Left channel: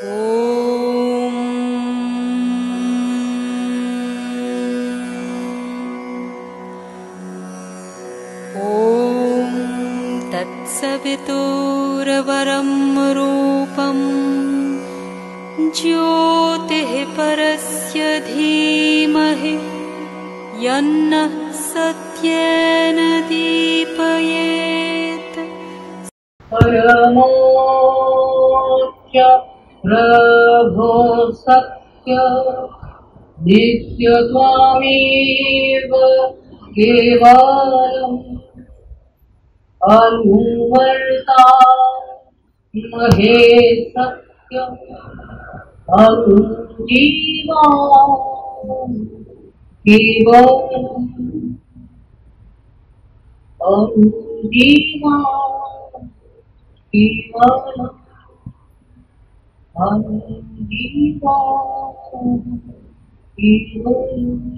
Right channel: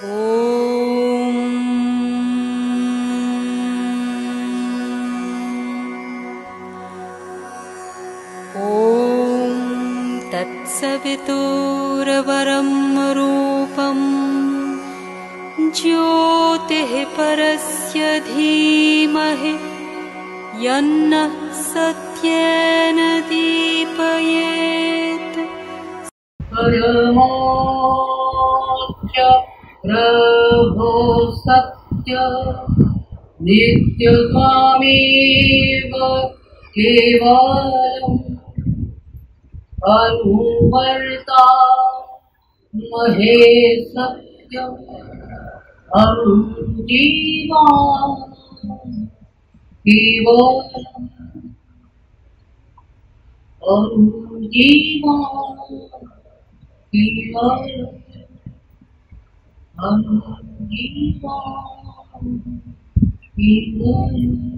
ॐ तत्सवितुर्वरं रूपं ज्योतिः परस्य धीमहि यन्नः सत्येन दीपयेत्। परमोच्च प्रभो सत्य नित्यत्वामेव केवलम् अनुवर्ता महे सत्यम् अनुजीवा केवलम् अनुजीवा केवलम् अनुजीवा केवलम्।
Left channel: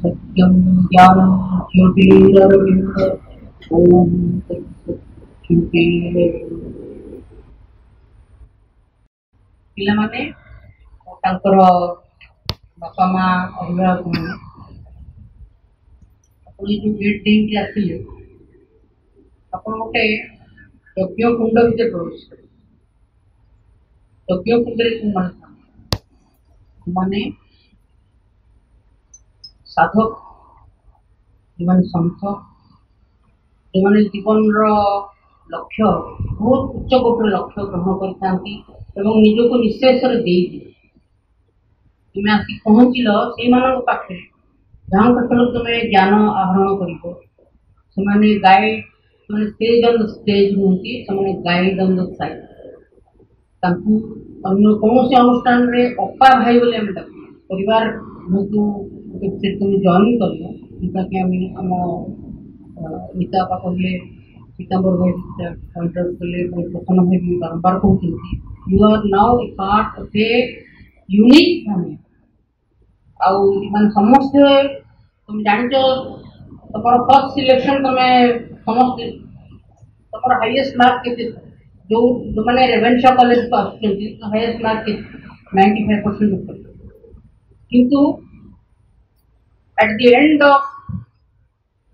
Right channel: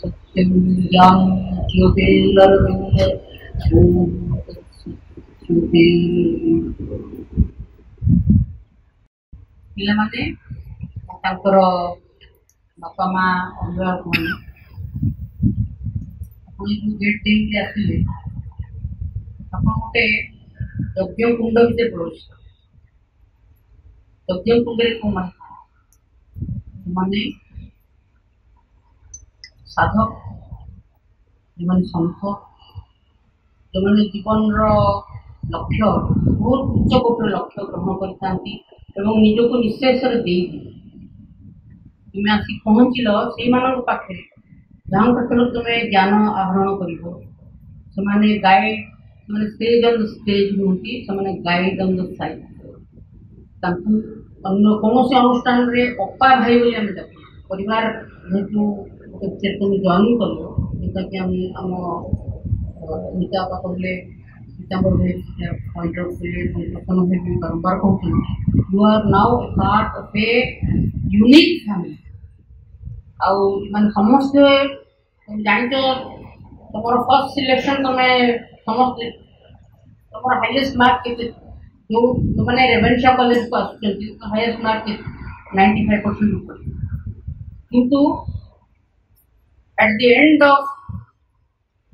सत्यं ज्ञानं ज्योतिरविन्द ॐ पिलामाने तांकर बापा माँ अभिभावक मैंने जो गेट देके आसिले आपण गोटे यज्ञ कुंड भितर प्रवेश यज्ञ कुंड माने साधक जो मैंने संत जो मैंने जीवन लक्ष्य बहुत उच्च कोटर लक्ष्य ग्रहण करता निजक निशेष तुम आसिक पहुँचल से पाखे जहाँ तुम ज्ञान आहरण कर गाइड मैंने स्टेज ऑन द स्टेज नुहति से गाइड ऑन द साइड अन्य कौन से अनुष्ठान रे अपा भाई बोली आम परिवार जेहेतु तुम जॉइन कर जोटा कि आम नीता आपा कहले पीताम्बर भाई पॉइंट आउट कले प्रसन्न भाई भी बारंबार कहते you are now a part of a unique family आउ मान समस्ते तुम जान तुम फर्स्ट सिलेक्शन तुम समस्ते तुम हाईएस्ट मार्क के जो मैंने रेवेन्सा कॉलेज को आसुच्च हाईएस्ट मार्क 95% ऊपर किंतु at the end of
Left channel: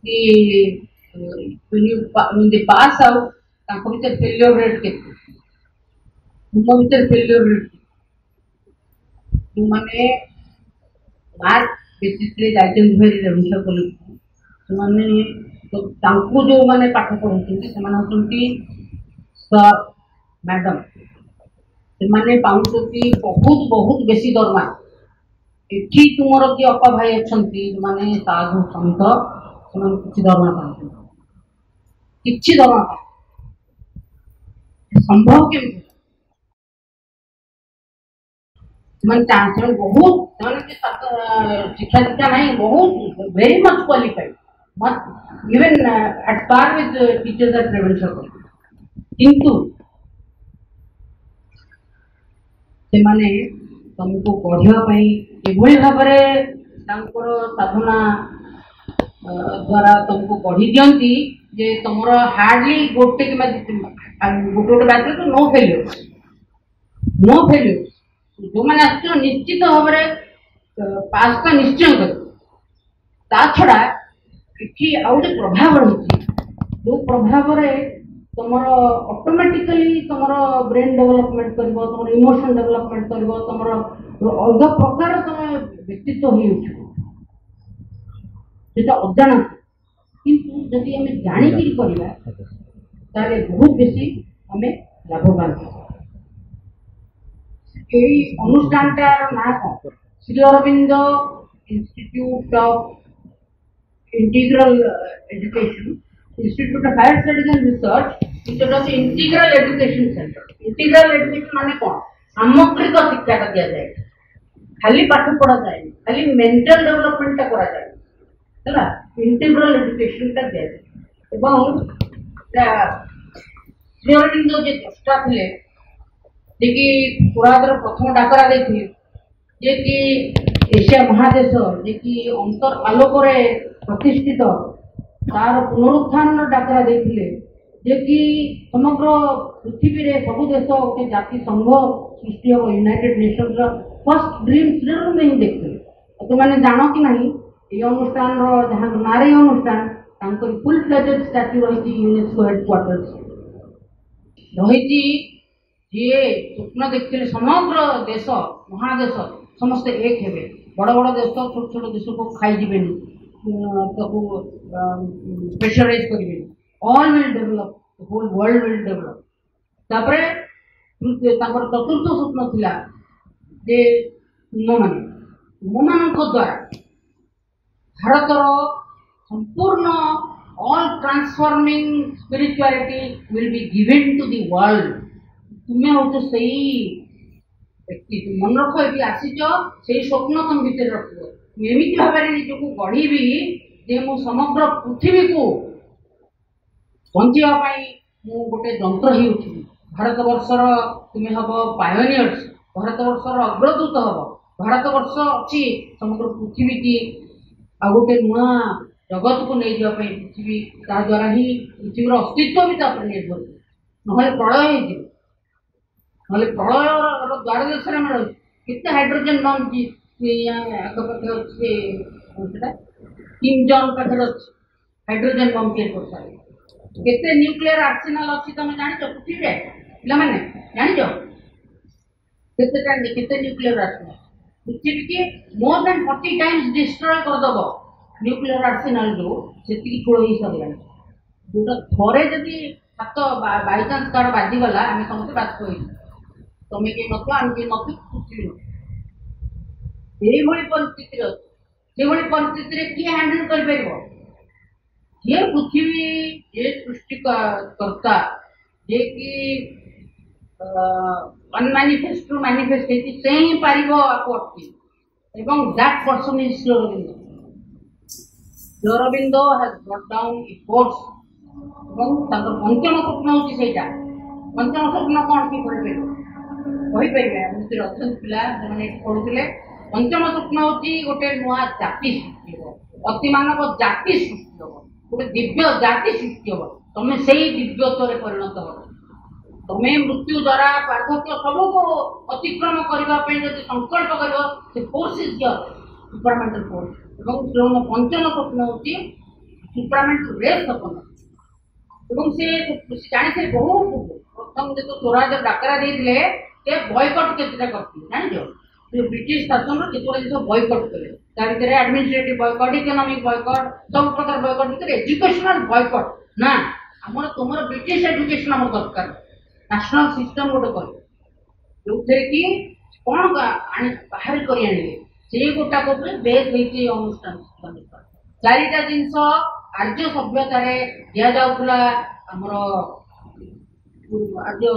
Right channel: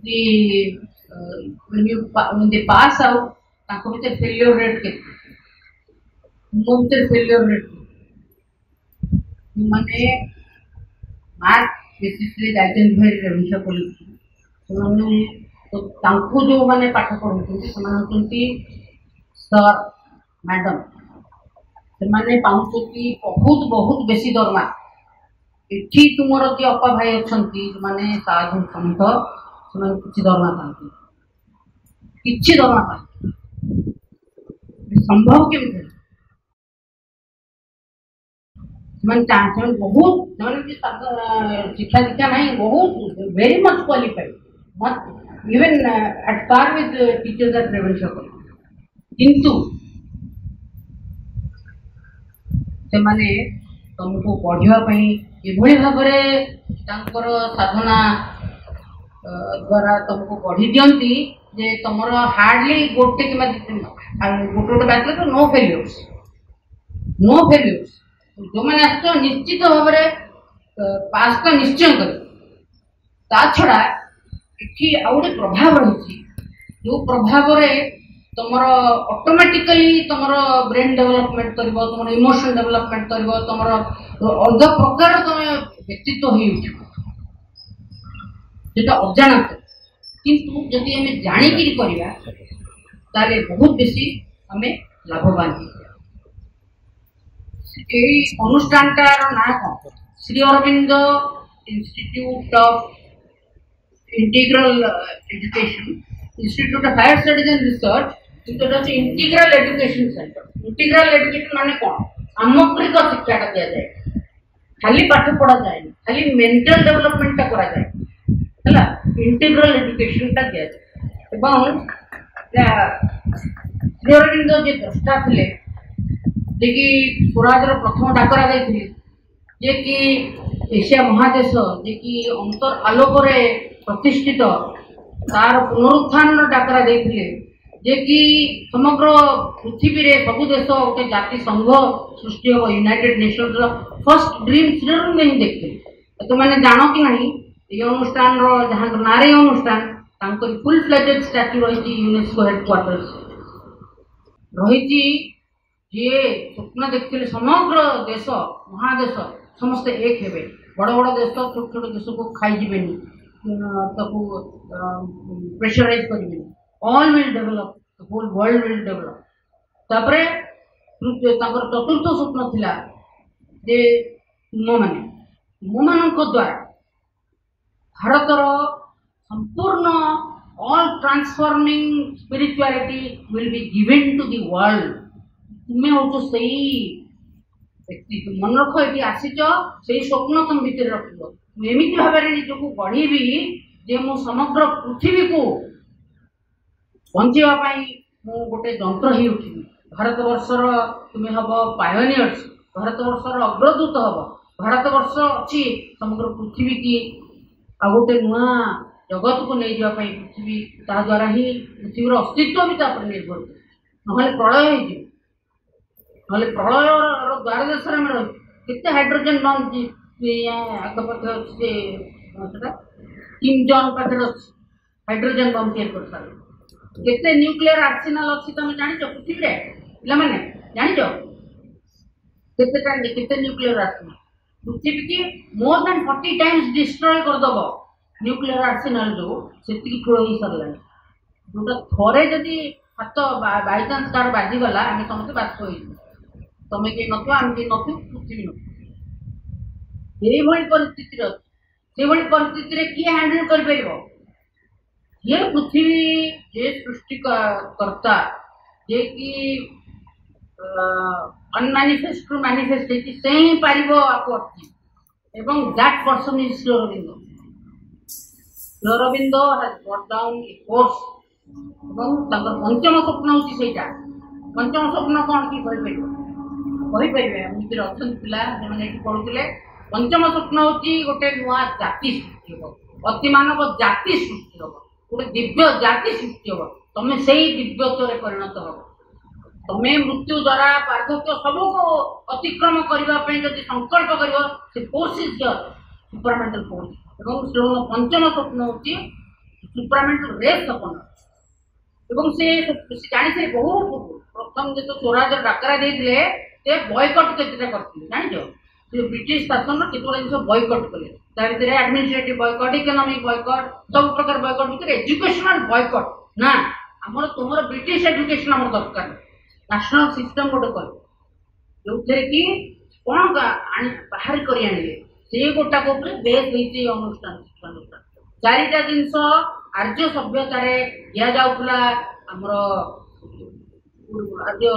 the when they pass out तांको भीतर फेलियर रेट के तुम भीतर फेलियर रेट माने मार्क बेसिस रे जाइछन भाई रेवेन्सा कॉलेज से माने तो तांको जो माने पाठ पढुछन्ति से माने होछन्ति सर मैडम से माने पाउछन्ति बहुत बहुत बेसी दरमा एठी तुमर जे अपा भाई अछन्ति माने साधु संत से किछि दरमा पाते किछि दरमा पाते संभव के मन चांस बहुत शिक्षा दीक्षा नहीं बहुत very much qualified much even at par with teachers at Ravenshaw college किंतु से माने तुमको पढ़ाई एभली भाव साधना द्वारा तुमको पढ़ी दियंती जे तुमर हार्डली गोटे कि गोटे बात तो नो फेल्यूर्स जो मैंने आस निश्चित भाव पास तो निश्चय कर छड़ा ये आउटे प्रभाव रही जो प्रभाव तुम ऑटोमेटिकली तुम ब्रेन डेवलपमेंट कर तुम इमोशन डेवलपमेंट कर तुम अलग प्रकार तुम व्यक्तित्व हो अजाणत किंतु जदि आम जाणिक करवा बहुत बेसी आम लाभवान अनुष्ठान ना कौन Sri Aurobindo institute of integral education institute of higher studies and research integral education centre integral education माने कौन सामग्रिक शिक्षा का दिया जाए खाली पाठ पढ़ा जाए खाली मेंटल डेवलपमेंट करा जाए है इंटीग्रल एजुकेशन दिया जाए श्री अरविंद जे द्रष्टा थे जे कि स्वराजर प्रथम डाकरा देते जे कि एशिया महादेश जे कि अंतर आलोक प्रतिष्ठित तार पुनरुत्थान डाकरा देथिले जे कि समग्र पृथ्वी रे सब देश गोटे जाति संघ सृष्टि हो United Nations row first dream children में ही देखते तो मैंने जानो कि नहीं ये अनुष्ठान रो जहां नारे अनुष्ठान तांको फुल फ्लेजेड स्टैच्यू रही यूनेस्को हेडक्वार्टर्स रही ये स्वप्न देखते समग्र देश महादेश समस्ते एक हेबे बड़ बड़ देश छोट छोट देश को खाई जीवेनी प्रेशराइज करेंगे all will develop whole world will develop तापरे चतुर्थ स्वप्न थिला जे तुम मान द्वारा भारतर संपूर्ण all transforming spirituality will be given to the world तुम्हें हूँ से व्यक्ति तुम मन रख ये आसीच से स्वप्न तुम भितर रख एमती भाव निजक गढ़ी जे मु समग्र पृथ्वी को बचाई मु गोटे जंत्र ही उठिबी भारत वर्षर तुम्हें हम पायोनियर्स भारत वर्षर अग्रदूत हम भारत वर्ष अच्छी समग्र पृथ्वी की आ गोटे नुआ जगत को नहीं जावाई पृथ्वी ता द्वारा ही पृथ्वीर अस्तित्व भी निर्भर ना प्रलय ना प्रलय द्वार देश में केते हाइड्रोजन बम आखपाखे किम जॉन पाखे हाइड्रोजन बम तैयार कर सारे केते न्यूक्लियर आर्सेनाल अच्छी तुम जान पृथ्वी पे मैंने जान केते न्यूक्लियर आर्सेनाल पृथ्वी की मोर देन 40 टाइम्स डिस्ट्रॉय करदब न्यूक्लियर आर्सेनाल जो से ठूल हो सारा जोटा थरे जदि हाथ बाई चान्स कार बाजिगला आम समस्त बाष्प हो तुम किए नथ आम किए नथ पृथ्वी न परिस्थिति किए हैंडल कर ये पृथ्वी ये सृष्टिकर्ता जे कि अनमैनिफेस्ट टू मैनिफेस्ट से ही पार आपको अटकी एवं that person is Sri Aurobindo Sri Aurobindo has brought down a force पंचम स्वप्न हूँ से पंचम स्वप्न कौन कि कहीपर अच्छा पिला जो पढ़ुले पंचम स्वप्न हूँ गोटे नुआ जाति सृष्टि हम अति मानव जाति सृष्टि हम गोटे दिव्य जाति सृष्टि हम तुम से दिव्यत्व परिणत हो तुम्हें मृत्यु द्वारा पार्थक्य सबको अतिक्रम करने जब संकल्प कर फोर्स इज सुपरमेंटल फोर्स और पंचम स्वप्न हूँ सुपरमेंटल रेस सपन से जानी से बहुत प्रथम जो स्वराज डाकरा देते बॉयकट केतटा करते जान ब्रिटिश शासन केतटा जिन बॉयकट कले भर एडमिनिस्ट्रेटिव बॉयकट इकोनॉमिक बॉयकट सब प्रकार बॉयकट भर एजुकेशनल बॉयकट ना आमर तुम ब्रिटिश एजुकेशन आम दरकार नेशनल सिस्टम गोटे कर जो कि कौन बाहर कर आने से गोटाक बेस होती अनुष्ठान चारिटा जिनस आर्य सभ्यतार दि जाऊला आमर आर्य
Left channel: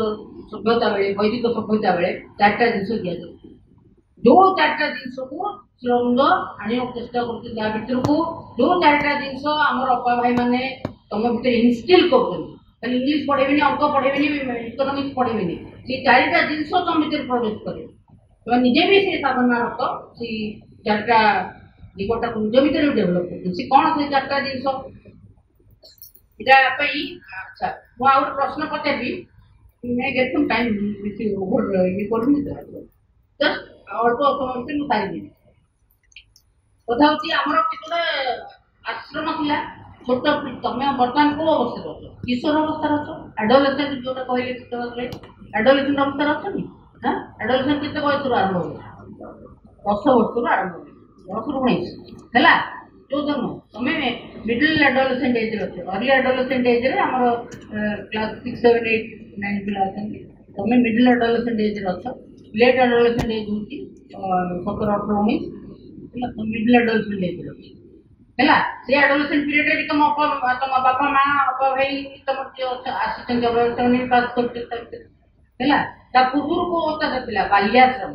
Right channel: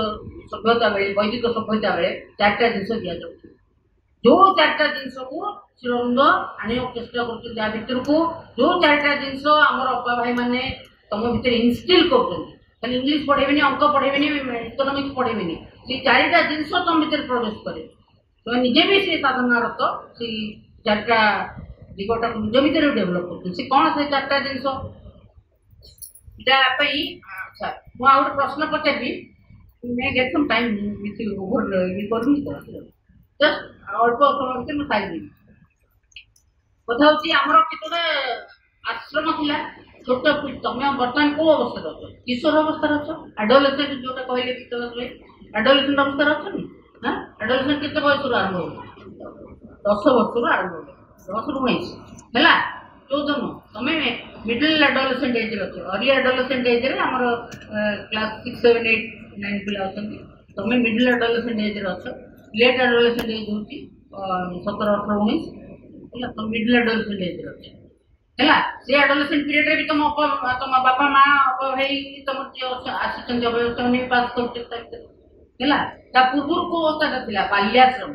सभ्यता बेले वैदिक सभ्यता बेले चार्टा जिनस दि जाऊ जो चार्टा जिनस को श्रीअरविंद आने चेष्टा कर को जो चार्टा जिनस आमर अपा भाई मैंने तुम भर इनस्टिल कर इंग्लीश पढ़ेबे अंक पढ़ेबे इकोनॉमिक्स पढ़ेबे से चारिटा जिनस तुम भर प्रवेश करे तुम निजे भी से साधनारत से चार्टा दिगटा निज भर डेभलप कर कौन से चार्टा जिनस अच्छा मुझे प्रश्न पचारि मैं गेट सम टाइम ओवर ये करूँ जस्ट अल्प समय मुझे सारी कथा हूँ आमर केतटा आश्रम था छोट तुम बर्तमान कौ अवस्था अच्छ किशोर अवस्था अच्छ एडोलेसेंट जोटा कहले एडोलेसेंट अवस्था अच्छी हाँ एडोलेसेंट केते बयस आरंभ हो 10 वर्ष आरंभ हो 10 ରୁ 19 है 14 तुम मिडिल एडोलेसेंट एज अच्छ अर्ली एडोलेसेंट एज आमर क्लास 6 7 8 9 पिला अच्छा तुम मिडिल एडोलेसेंट एज अच्छ लेट एडोलेसेंट एज हूँ 17 18 19 है तुम मिडिल एडोलेसेंट एज अच्छ है से एडोलेसेंट पीरियड रे तुम तुम बापा माँ अपा भाई तुम आसी पास कर पूर्व को अवस्था था बाल्याश्रम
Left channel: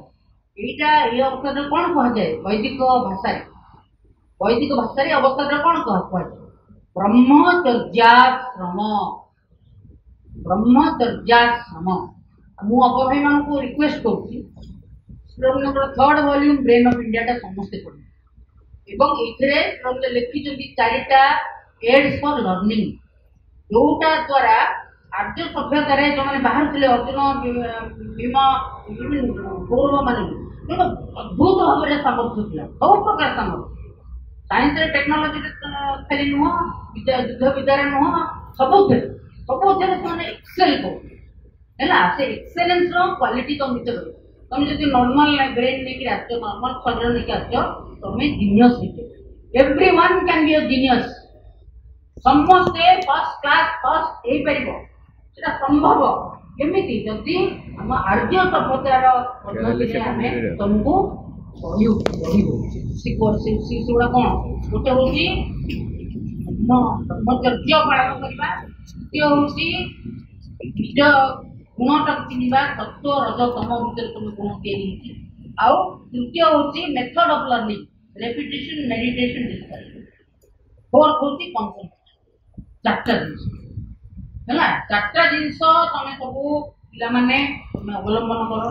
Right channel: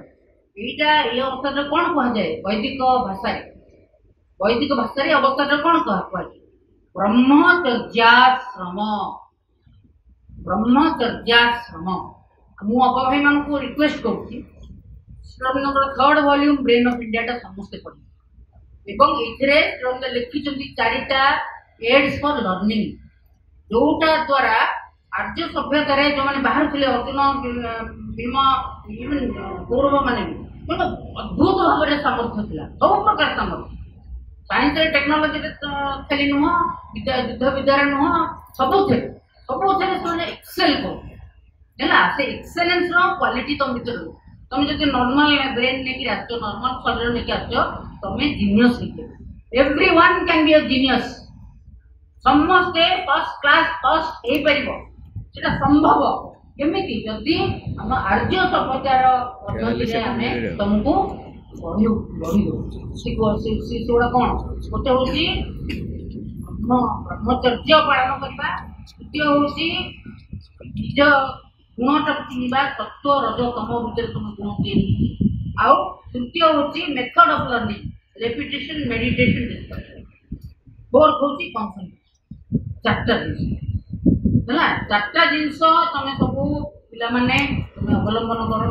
यहाँ ये अवस्था कौन कह जाए वैदिक अवस्था कौन कह ब्रह्मचर्याश्रम मु अपा भाई मान को रिक्वेस्ट करुँच third volume brain of India टा समस्ते पढ़े एवं ये लिखिं चारिटा एड्स फॉर लर्निंग जोटा द्वारा आर्य सभ्यतार जो मैंने बाहर थे अर्जुन भीम गौरव मान अद्भुत भाव में सामर्थ्य था सब प्रकार सामर्थ्य साइंस टेक्नोलोजी खाली नुह युद्ध विद्यार नुह सबुथे से एक्सेल कर से एक्सेलेंस क्वालिटी तुम भर तुम जो नॉर्मल ब्रेन लेकिन आस नॉर्मल शरीर लेकिन आस तुम genius everyone can be a genius समस्ते फर्स्ट क्लास फर्स्ट हो पार संभव केमिति जदि हम आर्य सभ्यतार तुमको सेगुड़ा कौन गोटे हूँ ब्रह्मचर्य पालन करवा द्वितीय हूँ निज गुणटा चिन्हवा सत्व रज तम भितर तुम गुण या तृतीय हूँ method of learning repetition meditation discussion fourth हूँ कंसंट्रेशन चार्टा जिन है चार्टा जिनस तुम सब पाने अवलंबन कर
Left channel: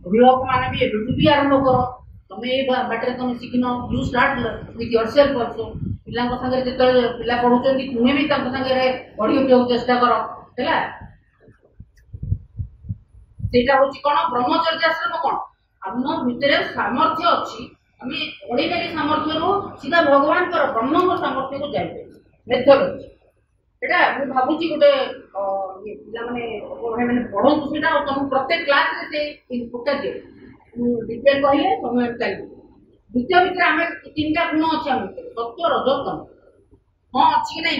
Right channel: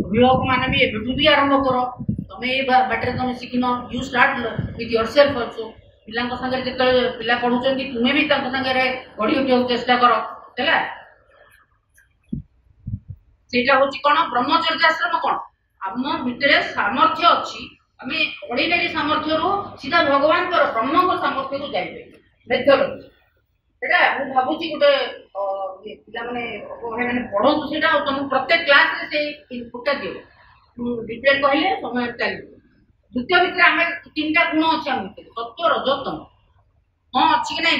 अभिभावक मैंने भी एवं भी आरंभ कर तुम ये बाटर तुम शिखिन you start with yourself also पिला सागर जो पिला पढ़ुं तुम्हें भी सागर पढ़ा चेष्टा कर सेटा हूँ कौन ब्रह्मचर्याश्रम कौन आम भितर सामर्थ्य अच्छी आम ऑर्डिनरी सामर्थ्य रू सीधा भगवान ब्रह्म सामर्थ्य को जाए मेथड एटा मुझे भावुची गोटे पे मैंने पढ़ू से तुम प्रत्येक क्लास से इनपुटा दियो डिटेल कहले समय चलो द्वितीय भितर आम तीन टा गुण अच्छे आम सत्व रजतम हाँ अच्छी कि ना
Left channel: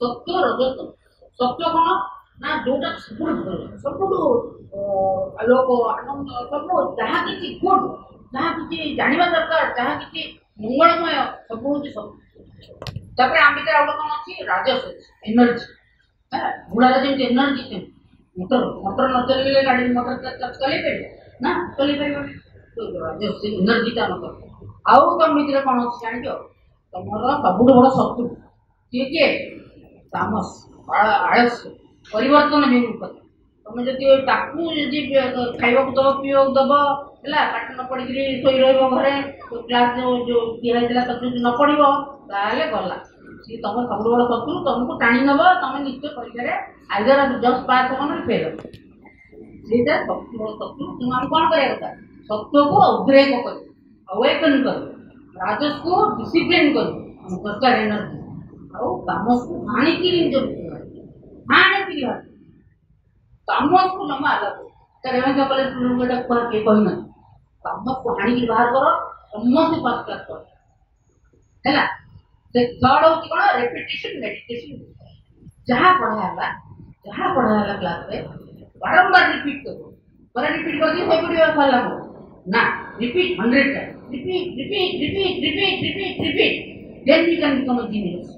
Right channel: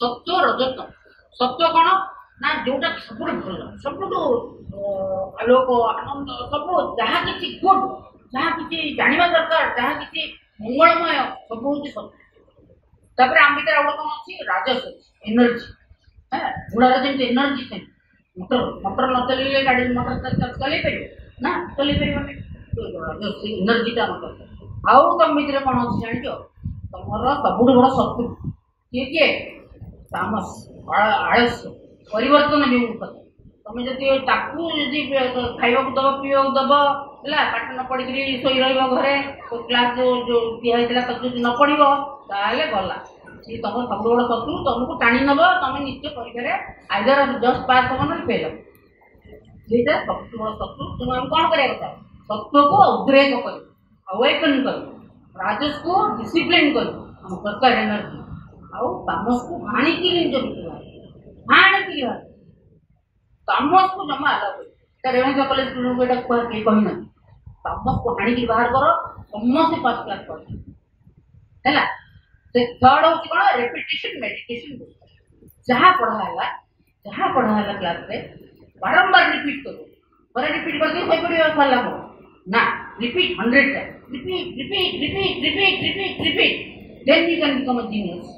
सत्व रजतम सत्व कौन ना जोटा सब भल सब आलोक आनंद सब जहाँ किसी गुड जहाँ किसी जानवा दरकार जहाँ किसी मंगलमय सब हूँ सत्य आम भर आगे कौन अच्छी राजस एनर्जी है घोड़ार जमी एनर्जी से मोटर मोटर न चल गाड़ी मोटर चल पार ना चल पार एनर्जीटा मतलब आउ तुम भर कौन अच्छी जान तुम सब बड़ शत्रु किए किए तामस आलस्य परिवर्तन विमुखता तुम जदि खावा दब पीवा दब है पाठ न पढ़ी शोई घरे क्लास जो दिखाई तक न पढ़ गला सी तुम सब बड़ शत्रु तुमको टाणी नब तुम निश्चय परीक्षा आइदर जस्ट पास हम ना फेल सीटा सब बड़ शत्रु तुम आम कौन करा सत्व को उद्रेक कर अवेकन कर राजस को डिसिप्लिन कर सरकार एनर्जी आमस को हाणिकी हाणिकी तामस को जमा अलग रेवेन्सा कॉलेज स्टूडेंट को कहना तामस को हाणिकी बाहर कर समस्त पास क्लास कर है थर्ड हूँ कौन रेपिटेशन मेडिटेशन जहाँ पढ़ाला क्लास रे बारंबार रिपीट करो पर रिपीट करके से पड़े फल ना repeat 100 times repeat then you can become a genius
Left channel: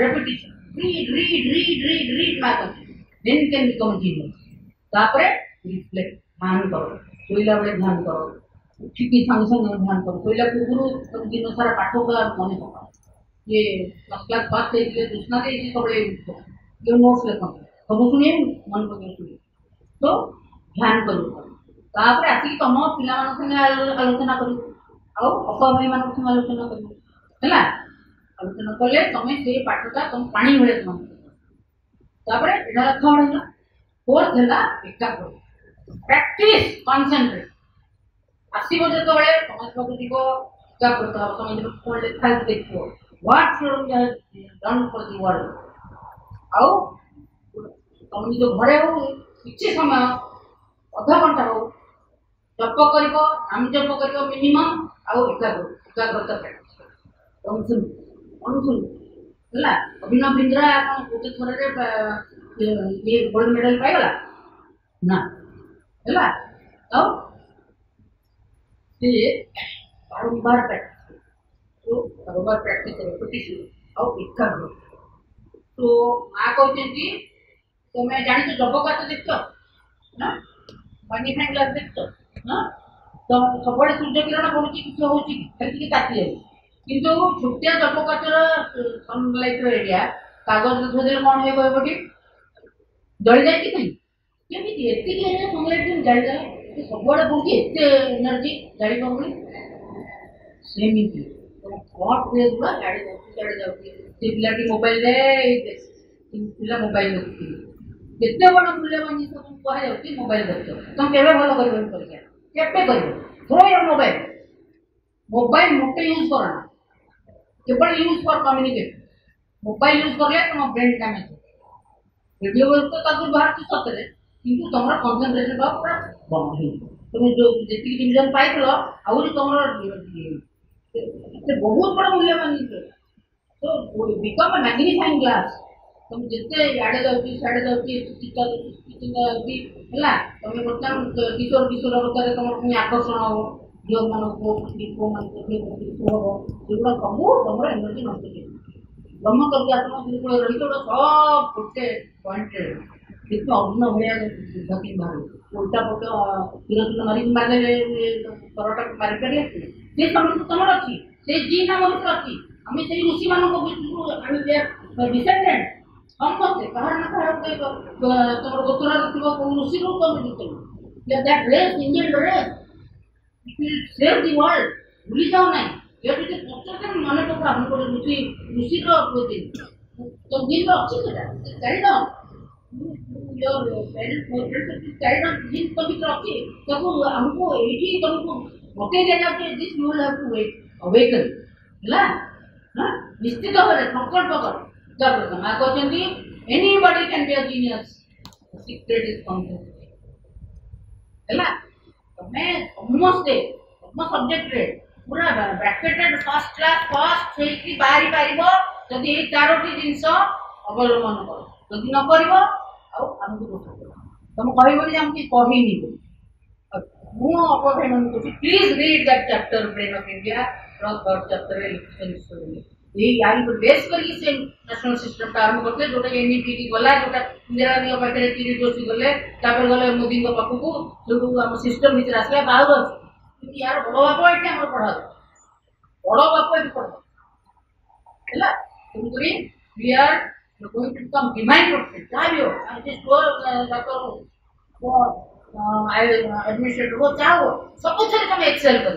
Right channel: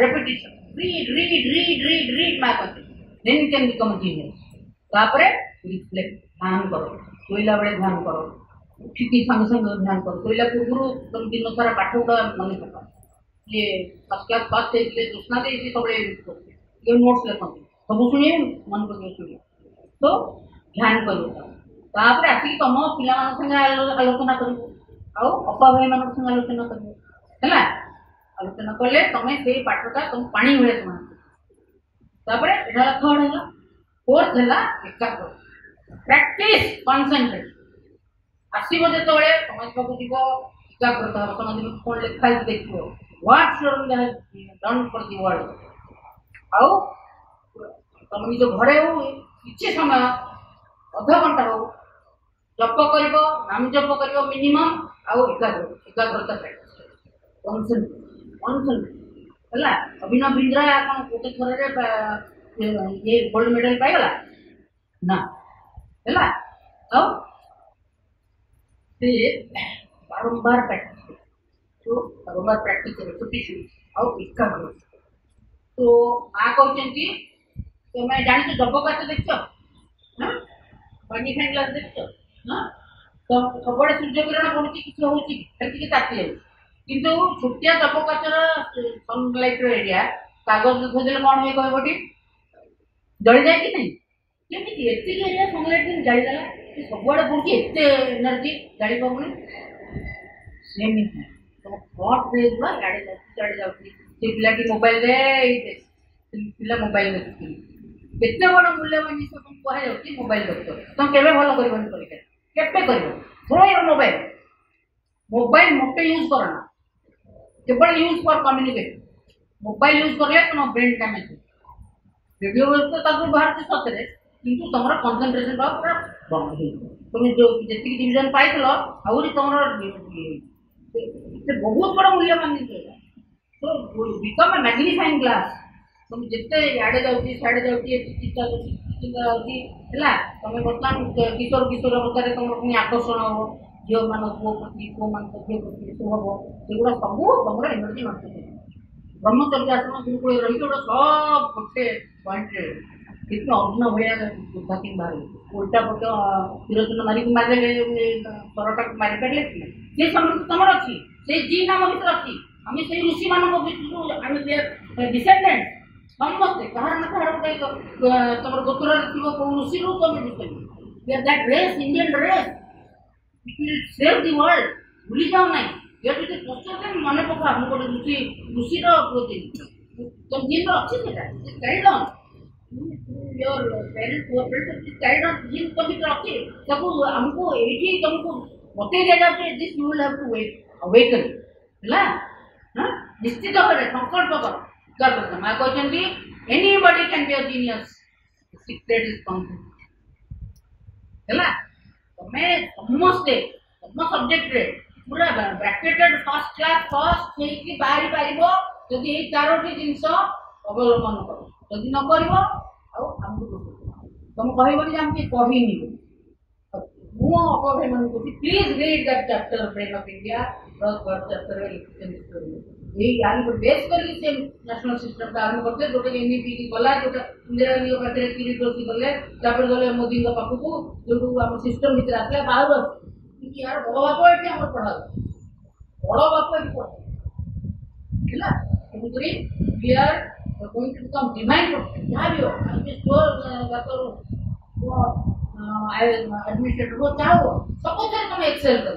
repetition read my concept then you can become a genius तापरे रिफ्लेक्ट ध्यान करो सोइला बेले ध्यान करो उठिकी संग संग ध्यान करो सोइला पूर्व तुम दिन सारा पाठ का मन पका ये फर्स्ट क्लास पास थे दूसरा दे इसी सबले ये नोट्स लेखन सब सुनिए मन पके सुनिए तो ध्यान करो तापरे आसी तुम पिला मान संगे आलोचना करो आउ अपा भाई मान संगे आलोचना करो है आलोचना कले तुम से पाठटा तुम पानी भले तुम तापरे एटा थर्ड है फोर्थ है एकाग्र प्रैक्टिस कंसंट्रेट आसो जो समझ पाक जीव एकाग्रता समझ कौन लिखा देखो what should done for the world आउ तुम निज घरे हो किसी समय अधा घंटा हो जप कर नाम जप कर मिनिमम आउ एकाग्रता प्रैक्टिस है अभिनव बिंद्रा आप गोटे थर ये गोल्ड मेडल पाइगला ना है बारंबार प्रैक्टिस तो बारंबार प्रैक्टिस रेपिटेशन आउ एकाग्र तो माँ कहते तुम जानी जब का तो देख मैग्निफाइंग ग्लास देख तो सब सूर्य किरण पड़ुची किसी हूँ कि ताती जाए किंतु छोटिया जब काचर सनलाइट एरिया कागज धोदे कौन हुए कहबटी जली जाए कि नहीं केमी एति एरिया सनलाइट जालीगला सबुआड़े पड़ुची एत एनर्जी जाड़ी पानी सेमती फ्रंट पेज गुड़ा गाड़ी सियाड़े जाउची से पिला की मोबाइल रे पिला मोबाइल देखि केते बड़ मूल्यवान जिनिस तुम कहे जाउची मोबाइल देखो तुम केबे भलो करबो परीक्षा केते करबो थोड़ा यार मोबाइल मोटे यूज करना केवल use for communicate mobile use करले तुम ब्रेन डैमेज वीडियो तो ताको बाहर से सतरे किंतु तमरा कंसंट्रेशन का पूरा बंद हो तुम जो जेति डिवीजन पाइतलो आउरी तमरा से बहुत बड़ा मूल्यवान जिनिस तो बिकम अ मैग्नीफाइंग ग्लास तुम जिते याडे जाउची साडे जाउची चिंता जाउची हला तुम वर्तमान किशोर किशोर अवस्था तुम पुनी आकर्षण हो जो मान को मान को हो सेगुड़ा सब तमरा एनर्जी नष्ट ब्रह्मचर्य आश्रम गुरुकुल रही तो सब गोटे पॉइंट कितने अग्न भैया बाकी बाहर उल्टा पट तिरचुन मारिक मारे परटा मारी पारे से समय तुम अच्छी से जी नाम भर अच्छी आम से ऋषि मान डिसेंडेंट समस्ते कहार ना कहार तुम गोत्र थो ऋषि तुम descendant that race Indian race it will save the world भूली जाओ नहीं ये जो पश्चात मन पका हम को ऋषि ऋषि रो प्रोटीन तो जिन रो अच्छी सेटा guide on your parents for parents guide on जिन तो भी अच्छी तब हमको एठी तुमको बते ले जाते this you will have to awaken हला हां निश्चित भाବରେ संकल्प कर मैं कहते anybody can be a genius secret is concept हला तमे समस्ते सम सब्जेक्ट रे पूरा ब्रैकेटेड फर्स्ट क्लास फर्स्ट से की बारी पारिबो जदि ए चारोटी जिंस अवलंबन कर जदि न करिवो आ हमको तुम कहबो जे हम की कहिनी मु अवधे मन को please read that chapter brain of India third chapter election story ये यारी पर बेस करके से नेशनल सिस्टम का आरंभ करते जोटा एनईपी गला जोटा इंदिरा गांधी पाखे किरीट जोशी गले तापर गले मोदी को पाखु जो हम सिस्टम भीतर आसला बाहर कि यार बड़ बाप एठी हमर पढ़ा बड़ बाप एठी पढ़ा हैला तुमरी we are going to come demand protect जाबियो आई जस्ट गो जातो एडमिनिस्ट्रेटर को चाहो सब कुछ तुम एक्सेल कर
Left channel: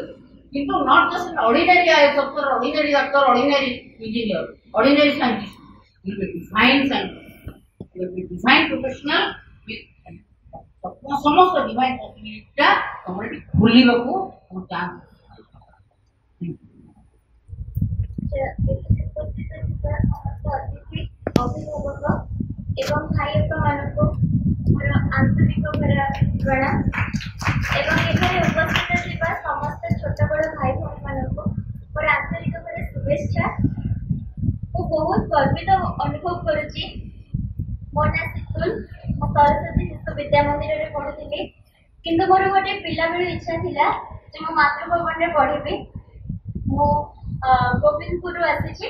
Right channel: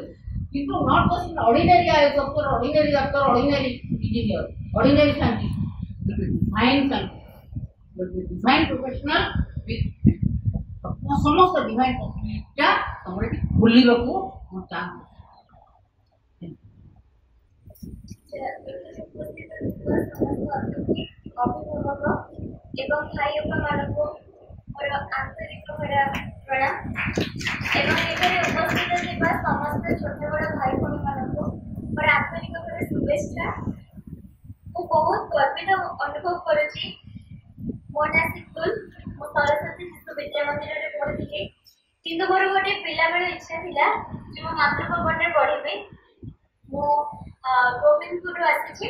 किंतु not just ordinary I doctor ordinary doctor ordinary engineer ordinary scientist you will be fine scientist you will be fine professional with समस्त डिवाइन पॉसिबिलिटी तुमरे खुलिबको हम चाहते अभिभावक एवं भाई मानक मोर आंतरिक प्रणाम एवं एखाने उपस्थित थिबा समस्त छोट बड़ भाई भौणी मानक मोर आंतरिक शुभेच्छा मु बहुत गर्वित अनुभव करुची मो ना सितुल मो सरस्वती शिशु विद्या मंदिर रे पढ़ुଥିଲି किंतु मोर गोटे पिला बेले इच्छा थिला जे मो मातृभवन रे पढ़िबे मो गोविंदपुर आसी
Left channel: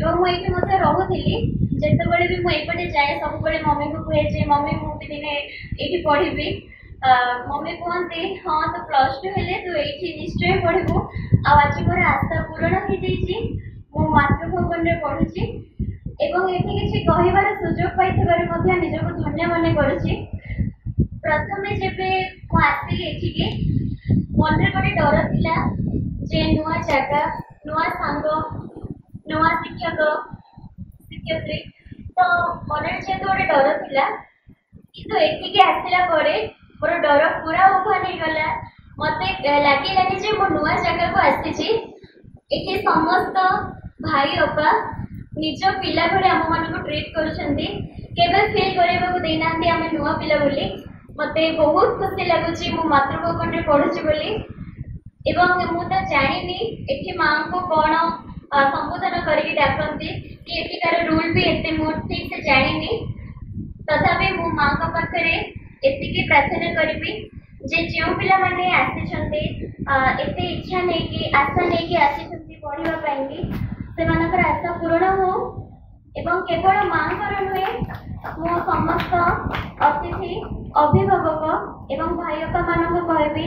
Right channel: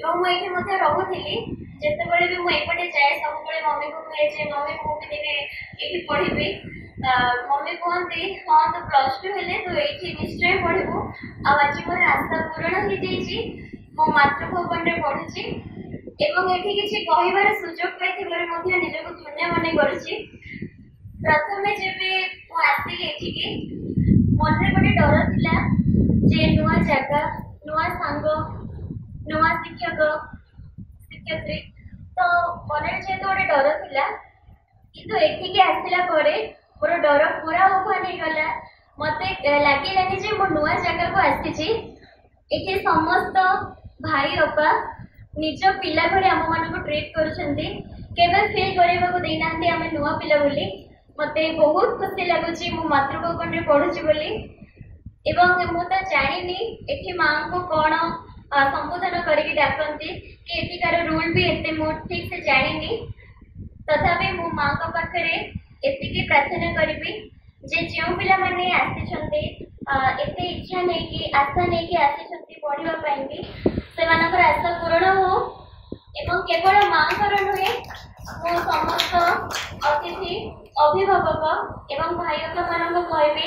एवं मुझे ये रोली जिते भी मुझे जाए सब मम्मी को कहे जे मम्मी मुझे दिने ये पढ़ी मम्मी कहते हाँ तो +2 हेले तू ये निश्चय पढ़ू आज मोर आशा पूरण हो जाइए मो मातृभवन में पढ़ुची एवं ये किसी कहबार सुजोग पाई निजक धन्य मन करुच्ची प्रथम जब आसली ये मन गोटे डर था जे नुआ जगह नुआ सांग नुआ शिक्षक शिक्षयित्री तो मन जेहतु गोटे डर था किंतु एठिक आसला मोर डर पूरा ओभन होगला मत लगे मो नुआ जगह को आसी ये समस्त भाई अपा निज पिला भले आम मान को ट्रीट कर फिल करने देना आम नुआ पिला बोली मत बहुत खुशी लगुच मो मातृभवन में पढ़ुची बोली एवं मु तो जानी एठी माँ को कौन संबोधन करके डाकती कि एठिकार रूल भी एते मु ठीक से जानी तथापि मो माँ को पाखे एति प्रार्थना करी जे जो पिला माने आसीचंते एते इच्छा नहीं कि आशा नहीं कि आसीचंते पढ़िबा पाइबी सेमानकर आशा पूर्ण हो एवं केवल माँ कर नुहे मो समस्त अतिथि अभिभावक एवं भाई मान कहबी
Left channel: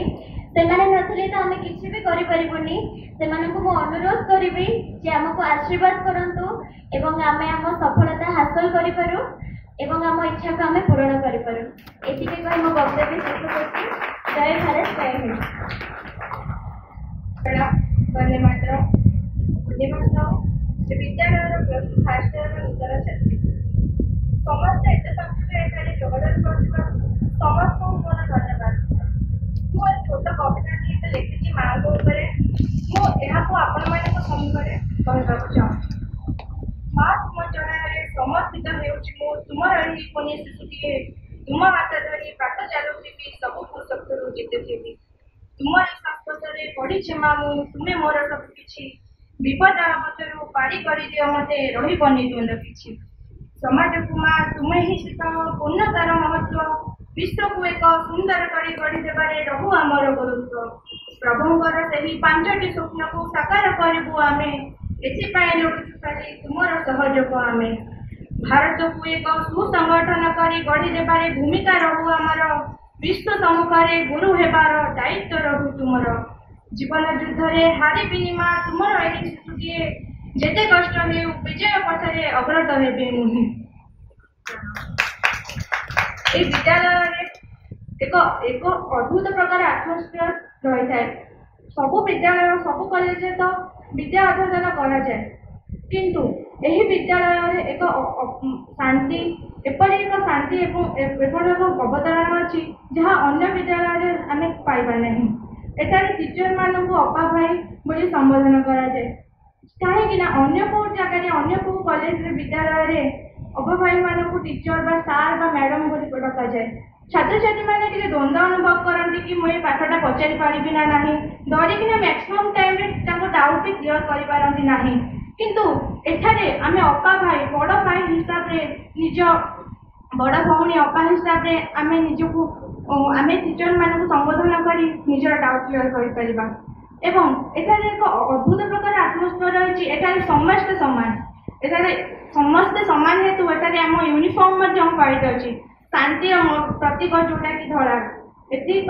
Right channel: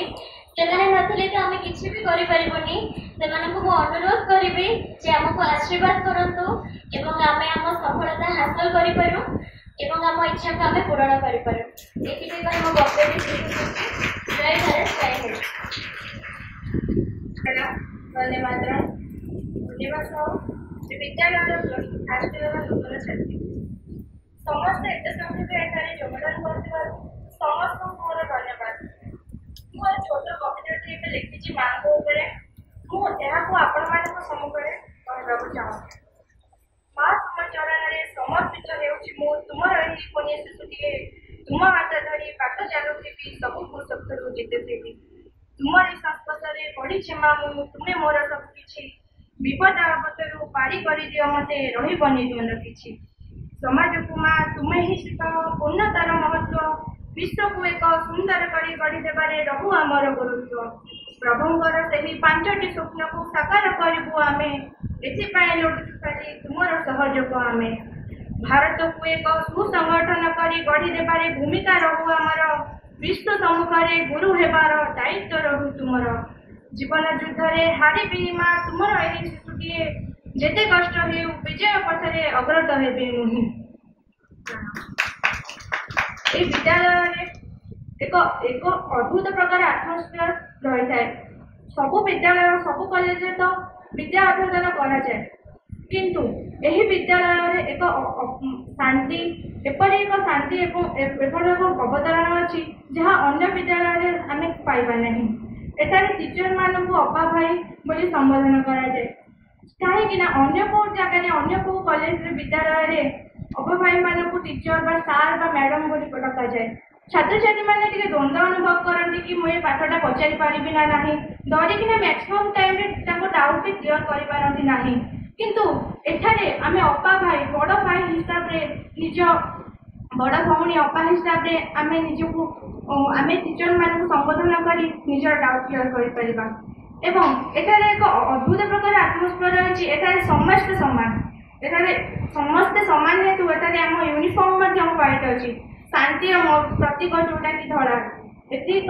सेमाने नथिले तो आमे किछि भी करि परिबोनी सेमानकु मो अनुरोध करिबी जे हमको आशीर्वाद करंतु एवं आमे हम सफलता हासिल करि पारु एवं आम इच्छा को आमे पूर्ण करि पारु एति के मो वक्तव्य शेष करछि जय भारत जय हिंद वंदे मातरम दिवस विद्यालय प्लस टू फास्ट इयर नूतन छात्री समस्त एत संख्यक एठारे योगदान कर समस्त मोर धन्यवाद। मोर छोट कविताटी ए लिखी माँ मुझे आपण मान सम्मुखें कहवाक चाहूँगी। माँ तुम चरण समर्पित हो तुम पुण्य शिशुटे तुम हाथ धरी बाट चलुथी सब पुस्तक जीतुथी तुमरी संस्पर्श पढ़ी माँ तुम्हें मोर सबकि विपद आपदर पारी कर दियो मत रही द्वंद कि समाज को माँ तुम्हें ही शिख पूर्णतार महत्व विश्व को एक सुंदर कर गढ़ी देवे रहू आमर गुरुत्व प्रभुंर से 5टी स्वप्न को साकार करूँ आम एपाई लुटुचु खाली तुमर सहयोग आम भारत को एक सुसंगठन कर गढ़ी देवे भूमिका रहू आमर विश्व सम्मुखें गुरु हेबार दायित्व रहू तुमर जीवन युद्ध में हारिबिनी माँ तुमर यही शिशुटे जेते कष्ट हो विजय पथरे अग्रत हेबे नुहे। विद्यालय एक अद्भुत प्रकार आत्मस्फीयर रही है। सबु विद्यालय सबु कॉलेज तो विद्या अध्ययन करा जाए किंतु एही विद्यालय एक शांति एपरी एक शांति एपरी एक अवतरण अच्छी जहाँ अन्य विद्यालय आम पाइबा नहीं। एटारे टीचर मान को अपा भाई बोली संबोधन करा जाए कहीं अन्य को जगह अन्य को कॉलेज विद्यालय अपा भाई मान को टीचर बा सार बा मैडम बोली डका जाए। छात्र छात्री मैंने द्वंद्व अनुभव करती कि मुझे पाठटा पचारि पारि ना डरिकिना मैक्सिमम टाइम डाउट भी क्लीयर कर किंतु एठारे आम अपा भाई बड़ भाई हिसाब से निज बड़ भौणी अपा हिसाब से आम निजको आम टीचर मान संबोधन कर निजर डाउट क्लीयर कर एठारे एक अद्भुत प्रकार आत्मस्फीयर रही है। समस्ते सामान एठारे समस्ते सामान हेतु एठारे आम यूनिफॉर्म पालित अच्छी शांति प्रतीक जोटा कि धड़ा एति